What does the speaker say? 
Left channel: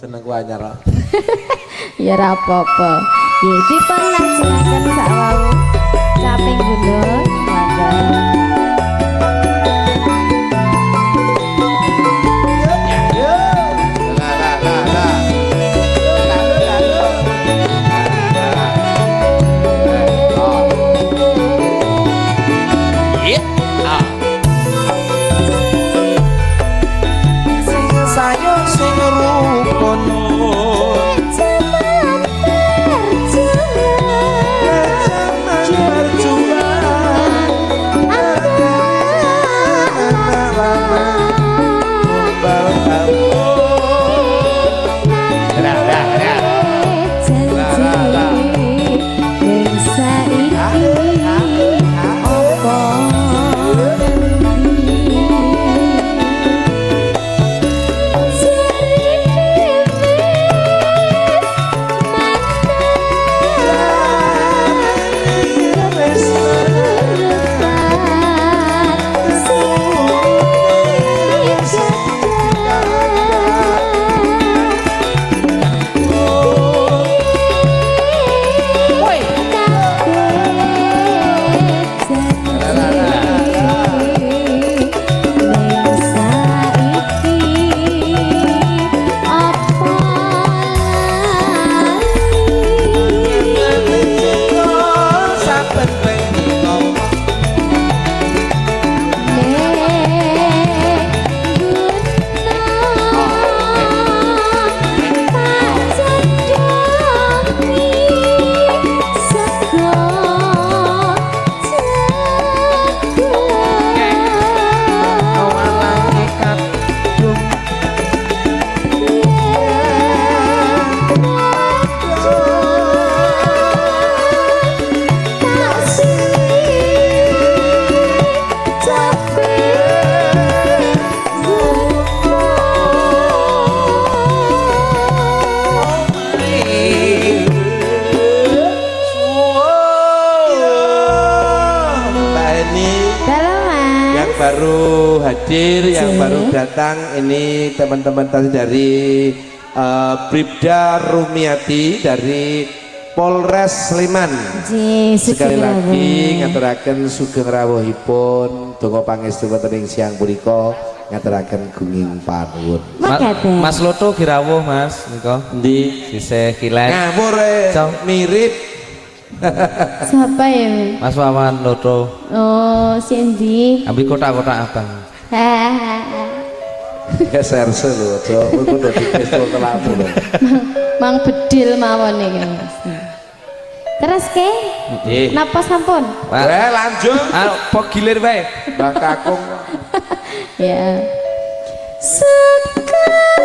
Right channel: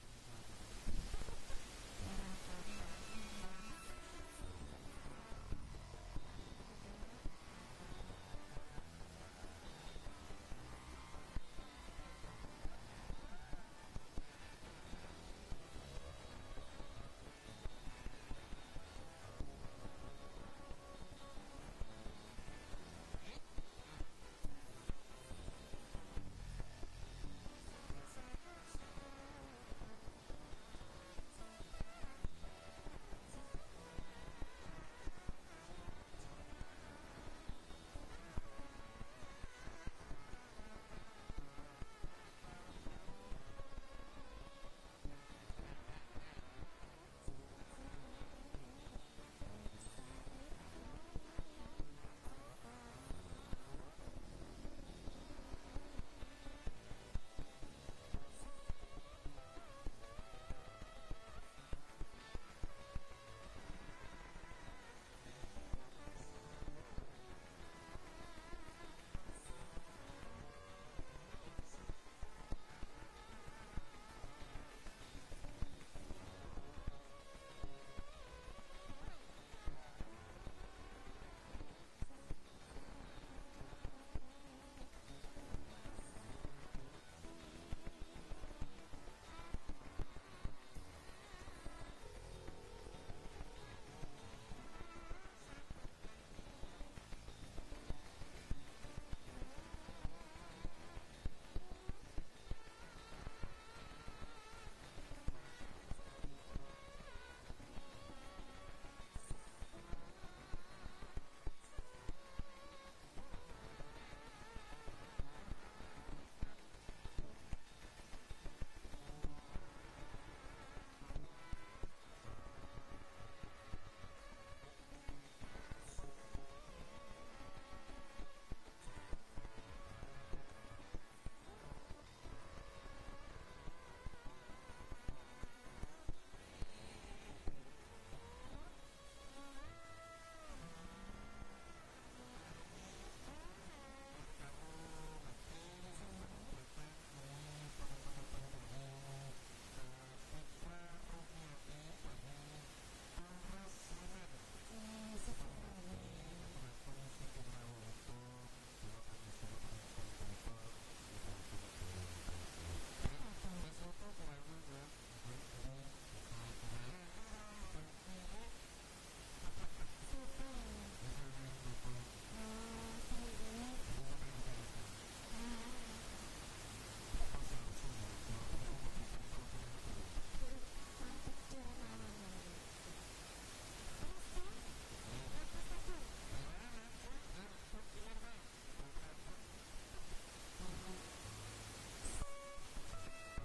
Jenengku anyar kok. Ya ora apa-apa. Nggih dipun lajengaken sakwau caping gunung monggo. Baru hadir, yang baru datang ini teman-teman tadi dari Bribda Rumiati dari Polres Sleman. Sekali lagi ngaturaken sugeng rawuhipun, donga pangestu wonten ing siang punika ngaturaken gunging panuwun. Mas Loto girawuh Mas nika. Endi? Sisih kilen. Ngawur mirip. Siapa ya? Mas Wawan Loto. Oh, Cindy. Ambil kotak-kotak abang. Ya serse lho, Cok. Kowe kudu dipistol telamu lho. Mang bedil mawon iki, Mas. Terus ke? Nggih. Napa sampun? Lanjut. Apa gilir wae? Mbak Kakung. Ya. Sekarang